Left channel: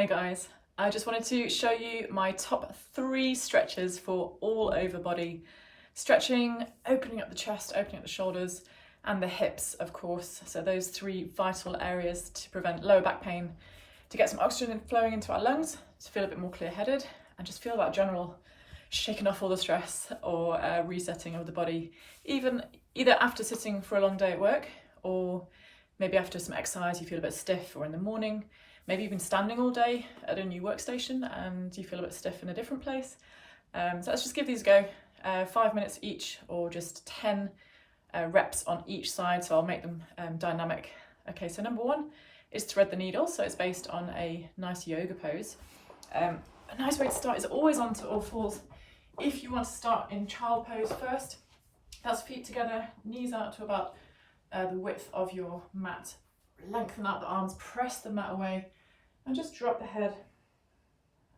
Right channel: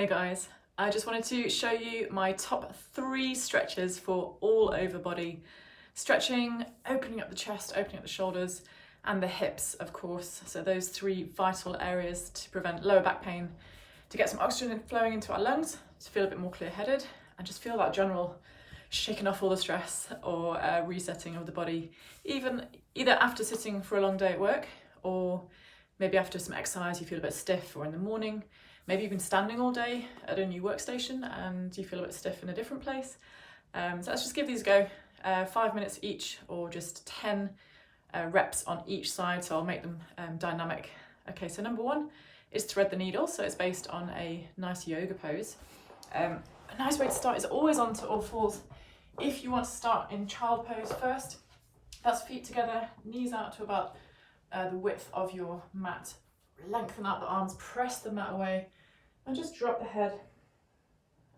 Hey guys, I just wanted to show you my top 3 stretches for all over body stretching, opening up the chest, opening up the shoulders and the hips, of course. So those 3 vital areas to prevent lower back pain, to get some oxygen flowing into our lungs, to feel a bit more clear-headed and just feel that general shaking off all the stress or resetting of the body, either after sitting for a long day at work or maybe after some exercise you feel a bit stiff, or in the morning. Maybe you've been standing all day at a new workstation and you feel a bit stiff in a different place. So let's just give these a go, 5 minutes each or just 10 reps on each side, so I'll make them dynamic. Okay, so number 1 is thread the needle, so it's based on a nice yoga pose. A nice way to start is always onto all fours. If you want to start in child pose first, that's feet together, knees out to about the width of your mat. Lengthen out the arms, press the mat away and just drop the head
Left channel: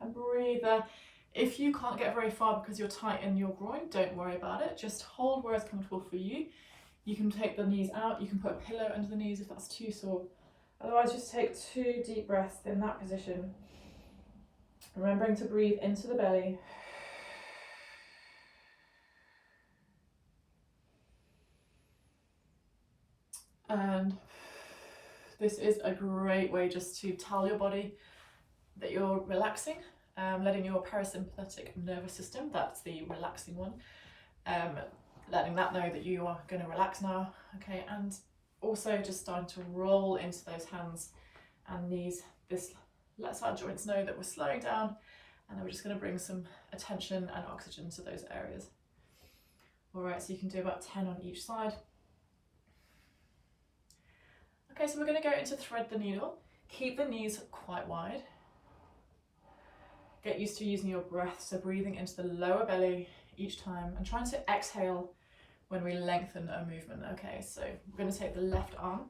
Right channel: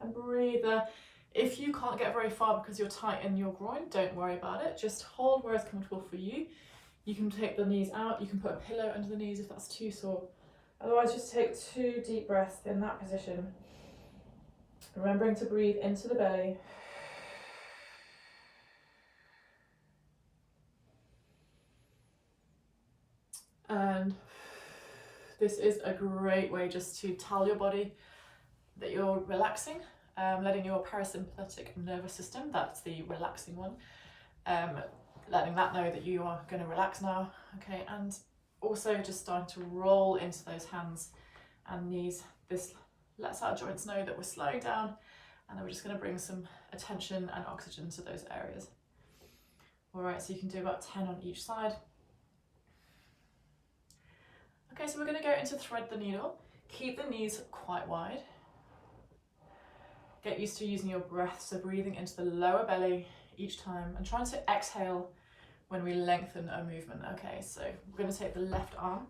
and breathe there. If you can't get very far because you're tight in your groin, don't worry about it. Just hold where it's comfortable for you. You can take the knees out, you can put a pillow under the knees if that's too sore. Otherwise, just take 2 deep breaths in that position. Remembering to breathe into the belly. And this is a great way just to tell your body that you're relaxing, letting your parasympathetic nervous system, that's the relaxing one, letting that know that you are going to relax now, okay, and also just starting to roll into those hands and knees. This lets our joints know that we're slowing down, and then we're just going to bring some attention and oxygen to those areas. All right, so you can do about 10 on each side. Okay, so we're going to go into thread the needle. Keep the knees quite wide. Get used to using your breath, so breathing into the lower belly each time and trying to exhale when we lengthen a movement. Okay, so we're going to take the left arm,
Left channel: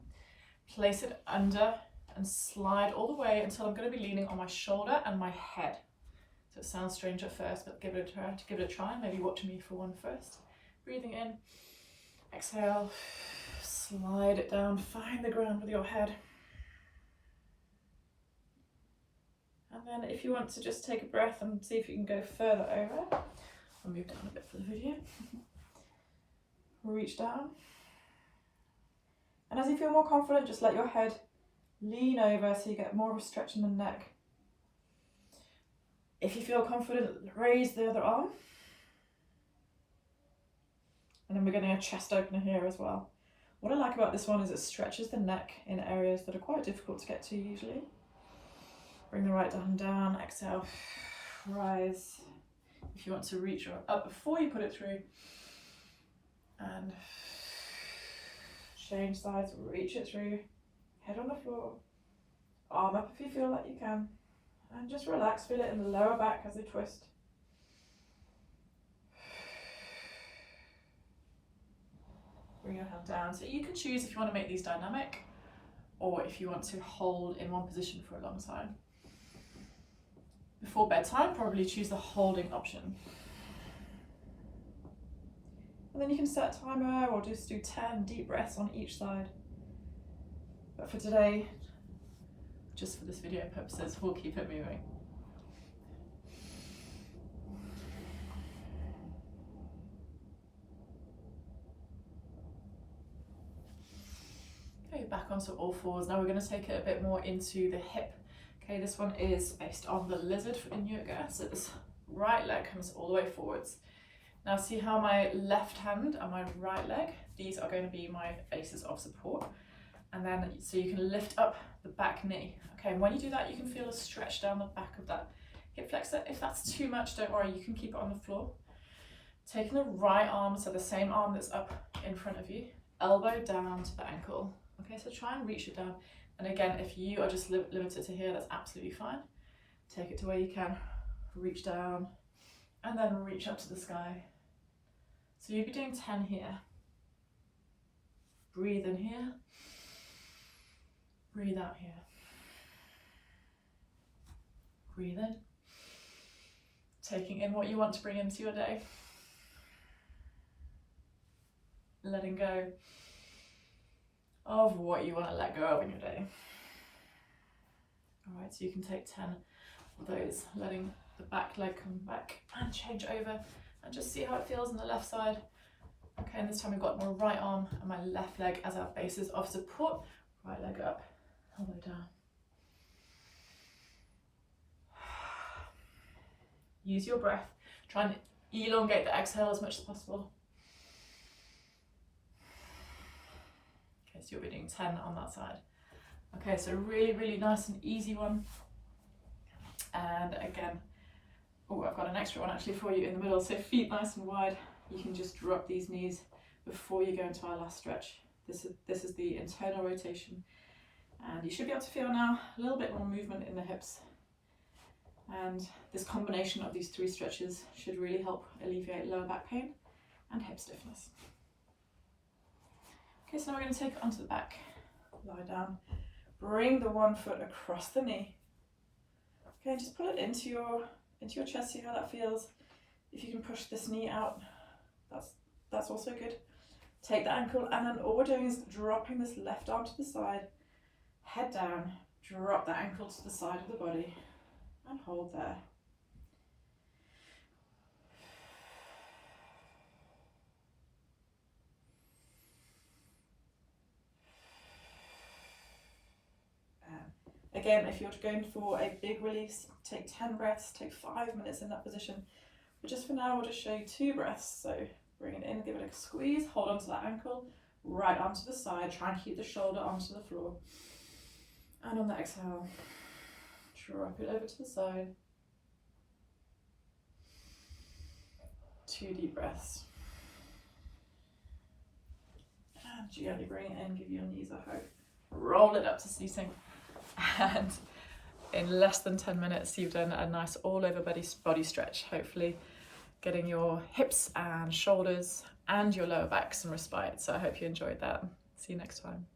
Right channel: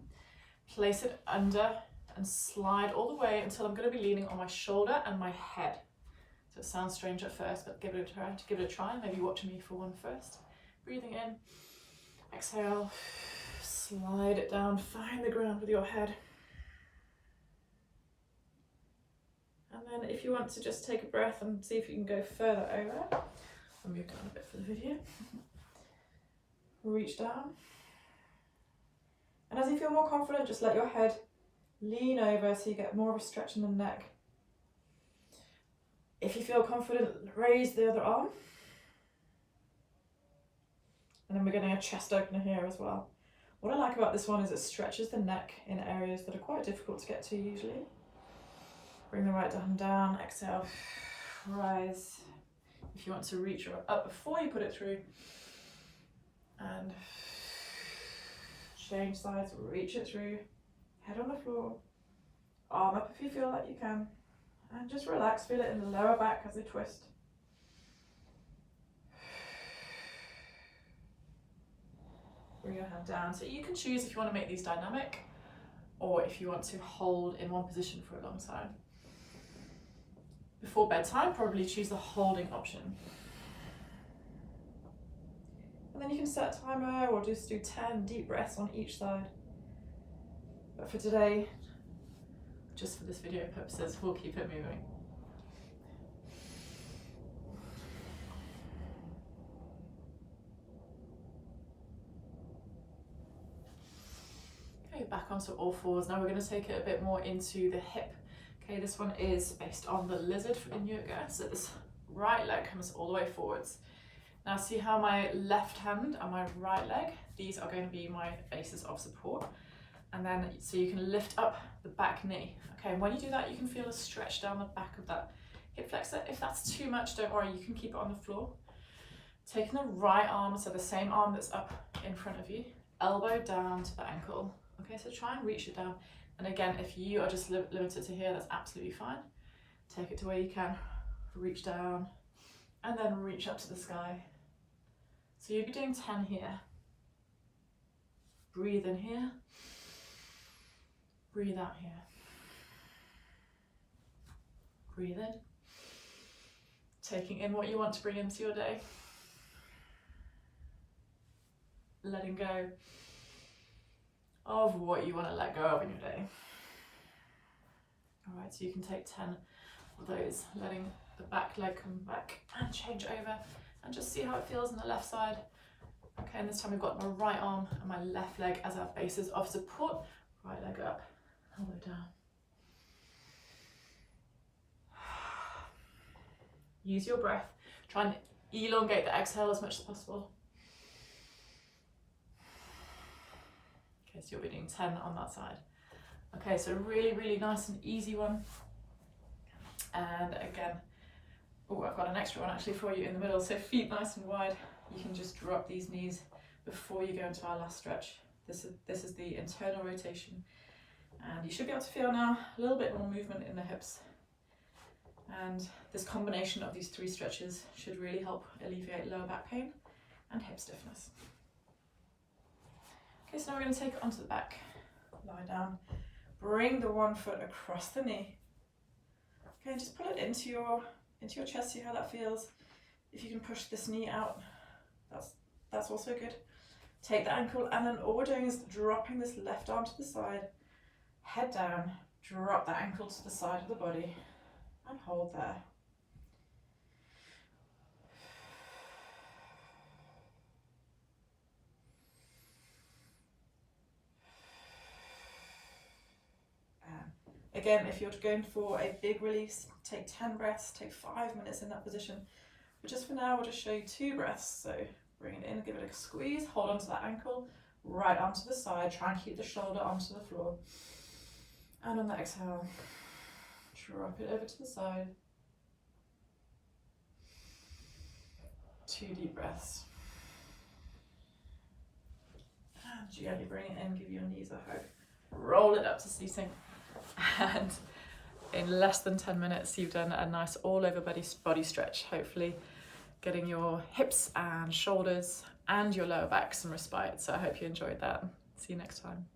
place it under and slide all the way until I'm going to be leaning on my shoulder and my head. So it sounds strange at first, but give it a try. Maybe watch me for one first. Breathing in, exhale. Slide it down, find the ground with your head. And then if you want to just take a breath and see if you can go further over, I'll move down a bit for the video. Reach down. And as you feel more confident, just let your head lean over so you get more of a stretch in the neck. If you feel confident, raise the other arm. And then we're getting a chest opener here as well. What I like about this one is it stretches the neck in areas that are quite difficult to get to usually. Bring the right hand down, exhale, rise. If you want to reach up before you put it through. And change sides, reach it through. Head on the floor. Arm up if you feel like you can. And just relax, feel it in the lower back as they twist. Bring your hand down. So you can choose if you want to make these dynamic or if you want to hold in one position for a long time. Before bedtime, probably choose the holding option. And then you can set a timer or just do 10 deep breaths on each side. But for today, just for this video purposes, we'll keep it moving. Okay, back onto all fours. Now we're going to take it a bit more into the hip. Okay, this one is based on the lizard in yoga. So this right leg comes all the way forwards. Now see how my left hand and my right leg, these are going to be my bases of support. And then so you can lift up the back knee. Okay, and when you do that, you can feel a stretch down the back of that hip flexor. If that's too much, don't worry, you can keep it on the floor. Taking the right arm, so the same arm that's up in front of you, elbow down to the ankle. Okay, so try and reach it down. And again, if you are just limited to here, that's absolutely fine. Take it to where you can, reach down, and then reach up to the sky. So you'll be doing 10 here. Breathe in here. Breathe out here. Breathe in. Taking in what you want to bring into your day. Letting go of what you want to let go of in your day. All Right, so you can take 10 of those, letting the back leg come back and change over, and just see how it feels on the left side. Okay, and this time we've got my right arm and my left leg as our bases of support. Right leg up, elbow down. Use your breath. Try and elongate the exhale as much as possible. Okay, so you'll be doing 10 on that side. Okay, so really, really nice and easy one. And again, oh, I've got an extra one actually for you in the middle. So feet nice and wide. You can just drop these knees before you go into our last stretch. This is the internal rotation. And you should be able to feel now a little bit more movement in the hips. And this combination of these 3 stretches should really help alleviate lower back pain and hip stiffness. Okay, so now we're going to take it onto the back. Lie down. Bring the one foot across the knee. Okay, just pull it into your chest, see how that feels. If you can push this knee out, that's also good. Take the ankle, and then all we're doing is dropping this left arm to the side, head down, drop that ankle to the side of the body, and hold there. Again, if you're going for a big release, take 10 breaths, take 5 minutes in that position. But just for now, I'll just show you 2 breaths. So bring it in, give it a squeeze, hold onto that ankle, right arm to the side, try and keep the shoulder onto the floor. And on the exhale, drop it over to the side. 2 deep breaths. And gently bring it in, give your knees a hug. Roll it up to seating. And in less than 10 minutes, you've done a nice all over body stretch, hopefully getting your hips and shoulders and your lower back some respite. So I hope you enjoyed that. See you next time.